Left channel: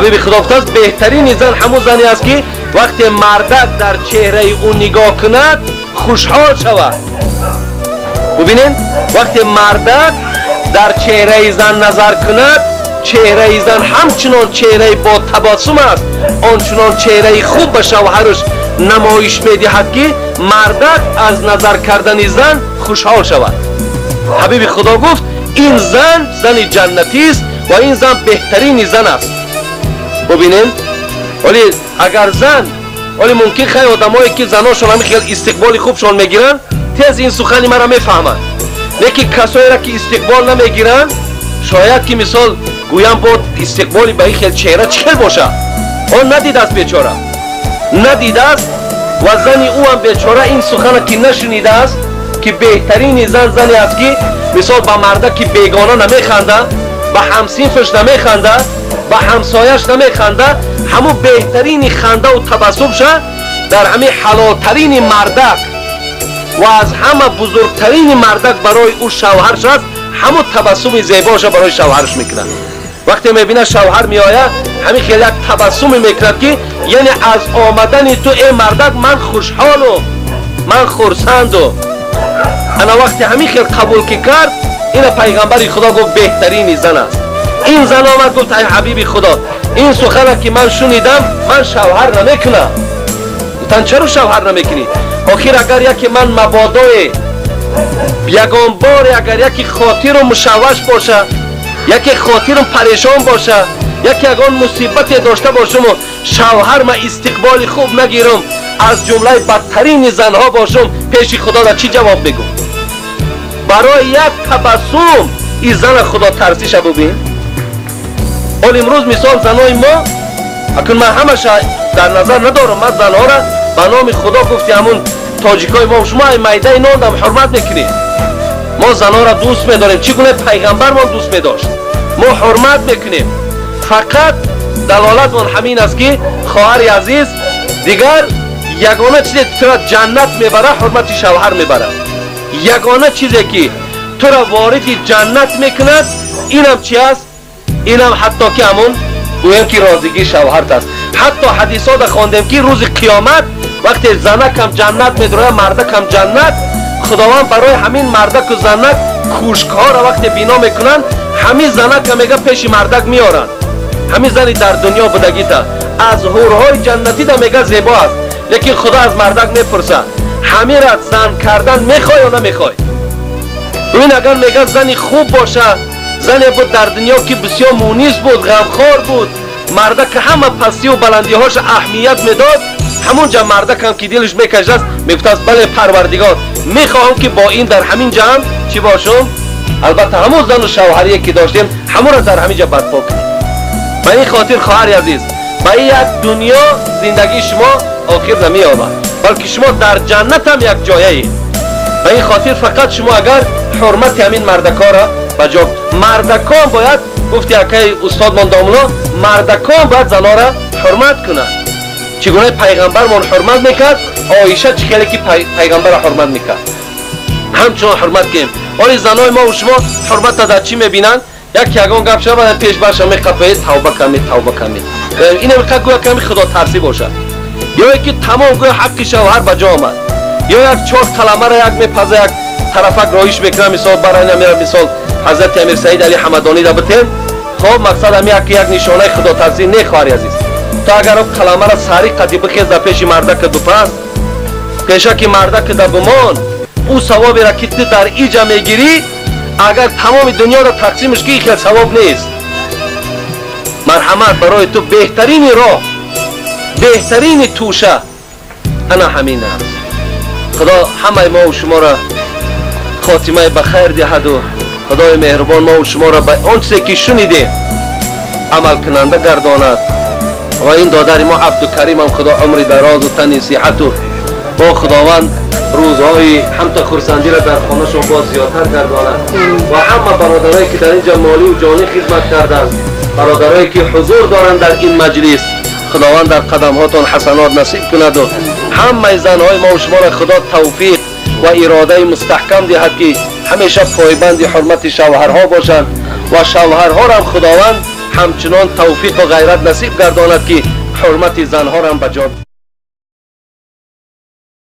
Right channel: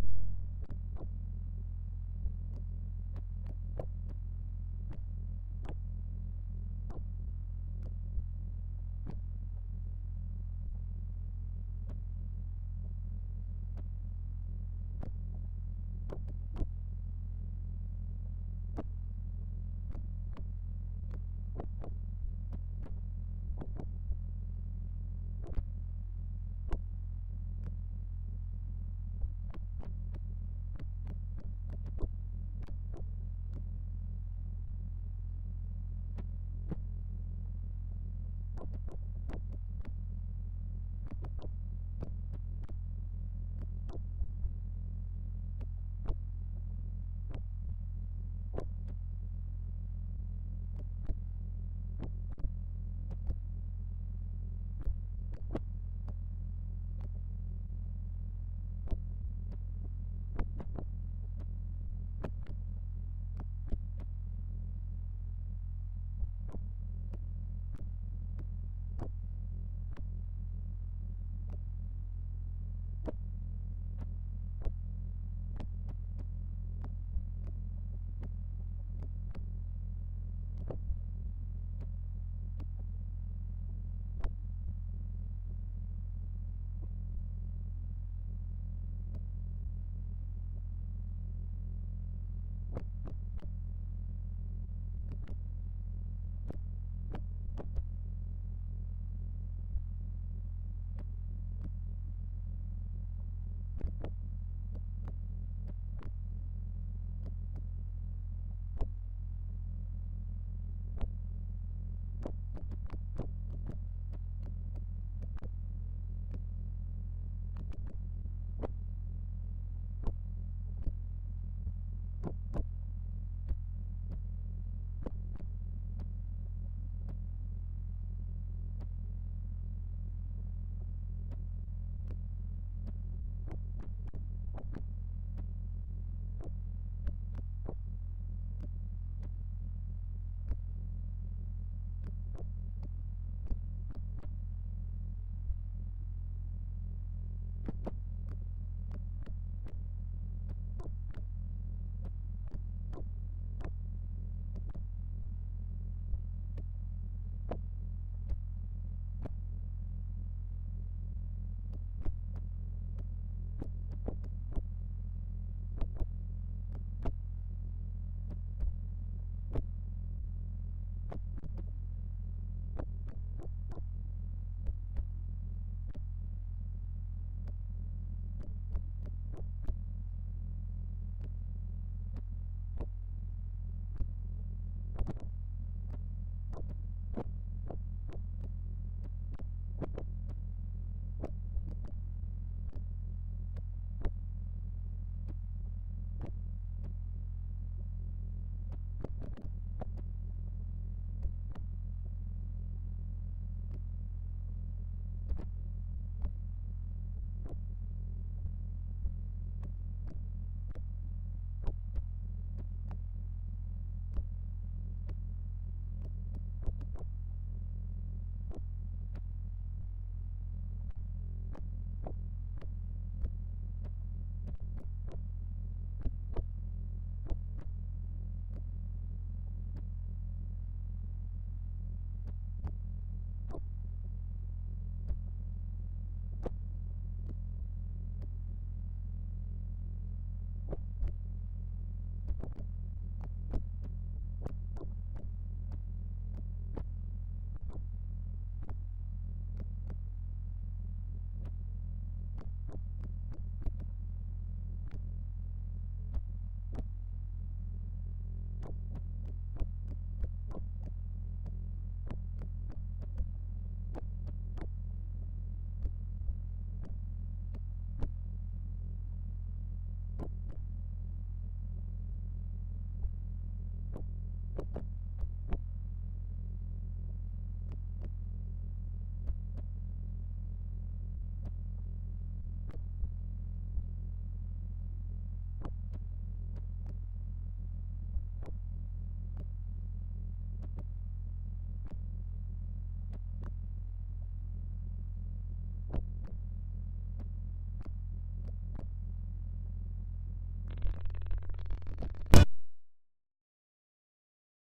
حبیب خدا گفته بهترین زن همون زنی است که وقتی مردک در چهره او نگاه کند خوشحال شود. ببینید وقتی مردک در چهره زن نظر کند، چهره زن همچنان چهره با تبسم است، آنچنان چهره خوب به شوهرش نمایش میدهد که مردک از نظر کردن زن خوشحال شود. حبیب خدا گفت این زن زن جنتی است و این زن بهترین زن است. ببینید ولی اگر زن، ولی ممکن خیلی آدمایی که زناشون همین خیلی استقبال خوبشون میگیرن تیز این سخنی مرا میفهمند، لیکن کسایی را که استقبال نمیگیرن شاید که مثال گویم بود استقبالی به این خیلی چهره چکل باشه، آن ندیده است بیچاره، ندیده است و زنی او هم بیچاره این سخن که نشنیده است که بهترین زن زنی است که مثال با مرده که بیگانه نمیخنده، با همسینفش نمیخنده، با همسایش نمیخنده، همون بهترین خنده و تبسم شد در همین حلالترین مردک و از همه بزرگترین مردک برای او شوهرش است، همون تبسم زیباش برای شوهرش میکنه. وقتی میبینه شوهر میآید همین خیلی یک تبسم میکند که یعنی از آمدن تو ای مردک من خوشحالم، من خرسندم. انا وقتی همین خیلی قبول که کرد این پیغمبر خدا گفت بهترین زن است. این زن آمد گفت ای حبیب خدا این سخن که من شنیدم من شوهر نمیکنم. گفتن چرا شوهر نمیکنی؟ آخر اگر یکی من مبادای یگان بار اگر یکی خاطرم مشوش باشه، یکی خاطرم پریشان باشه، یکی اگان مصیبت داشته باشم و شوهر ما استقبال خوب نگیرم، از جمله بدترین زنها باشم، پیش خدا را چی جواب بگم؟ برای یک تبسم این زن خدا ترسیش ببین. حال امروز مثال زنای ما اکنون من همش در نظر ندارم، من زنها را به نام خدا گفتی همون تاجیکای ما شما میده نان هم حرمت میکنیم، ما زنها را دوست میداریم چگونه پیغمبر ما دوست میداشت، ما حرمت میکنیم. فقط دلالت من همین است که خواهر عزیز دیگر یگانه چیزی تو را جنت میبره حرمت شوهر میبره، یگانه چیزی که تو را وارد جنت میکند اینم چی است؟ اینم حتی که همون گویم که رازگی شوهرت است. حتی حدیثات خواندیم که روز قیامت وقتی زنک هم جنت میدره مردک هم جنت، خداوند برای همین مردک و زنک کوشک‌ها را وقتی بینا میکنن همین زنک هم میگه پیش مردک میارن، همین زنی در دنیا بودگی تا از حورهای جنتی دا میگه زیبا است، لیکن خدا از مردک میپرسه همین را زن کردن میخوای یا نمیخوای؟ ببین اگر میگه زنی خوب باشه، زنی بود در دنیا که بسیار مونیس بود، غمخوار بود، مردک همه پستی و بلندی هاش اهمیت میداد، همونجا مردک هم که دلش میکشد است میگفت است بله پروردگار میخواهم که با این در همین جمع چی باشم؟ البته همون زن و شوهری که داشتیم همون را در همین جا برپا کنیم. به این خاطر خواهر عزیز به این یک دنیا زندگی شما آخر نمی آمد، بلکه شما در جنت هم یک جایه اید. به این خاطر فقط شما اگر حرمت همین مردکا را بجا، مردکان باید گفتی اکی استاد من دامنا مردکان باید زنا را حرمت کنند. چگونه پیغمبر من حرمت میکرد، عایشه چخیلی که پیغمبر را حرمت میکرد همچنان حرمت کنیم. ولی زنای ما و شما حرمت را در چی میبینند؟ یک یگان گپ شد بعد پیش برش میخپه توبه کنید توبه کنید، این میخواد گویا کمی خدا ترسی باشه، یا که تمام گویا حق شوهر بجا آمد، یا یک چهار کلمه را یک میپزه یک طرفک رایش میکنه. مثال برای نمیره مثال حضرت امیر سعید علی حمدانی را بتیم، خب مقصد هم یک نشانه خدا ترسی نه خواهر عزیز. تو اگر اون کلمه را سری قدی بخیز در پیش مردک دو پس پیشه که مردک در بمان او ثوابی را که تو در ایجا میگیری اگر تمام دنیا را تقسیمش که خیلی ثواب نیست. مرحمت برای تو بهترین راه، بهترین توشه انا همین است. خدا همه ما و شما را خاتمه بخیر دهد و خدای مهربان ما و شما را به آن چیزی که شنیدیم عمل کننده گرداند. و این دادر ما عبدالکریم هم خدا عمر دراز و تن صحت و با خداوند روزهای همتا خرسندی را در خانه‌شون باز زیادتر گرداند. و همه برادرایی که در اینجا مالی و جانی خدمت کردند، برادرایی که حضور دارند در این مجلس، خداوند در قدمهاتون حسنات نصیب کند و همه زنهای ما و شما را خدا توفیق و اراده مستحکم دهد که همیشه پایبند حرمت شوهرها باشند و شوهرها را هم خداوند همچنان توفیق و غیرت نصیب گرداند که حرمت زنها را هم بجا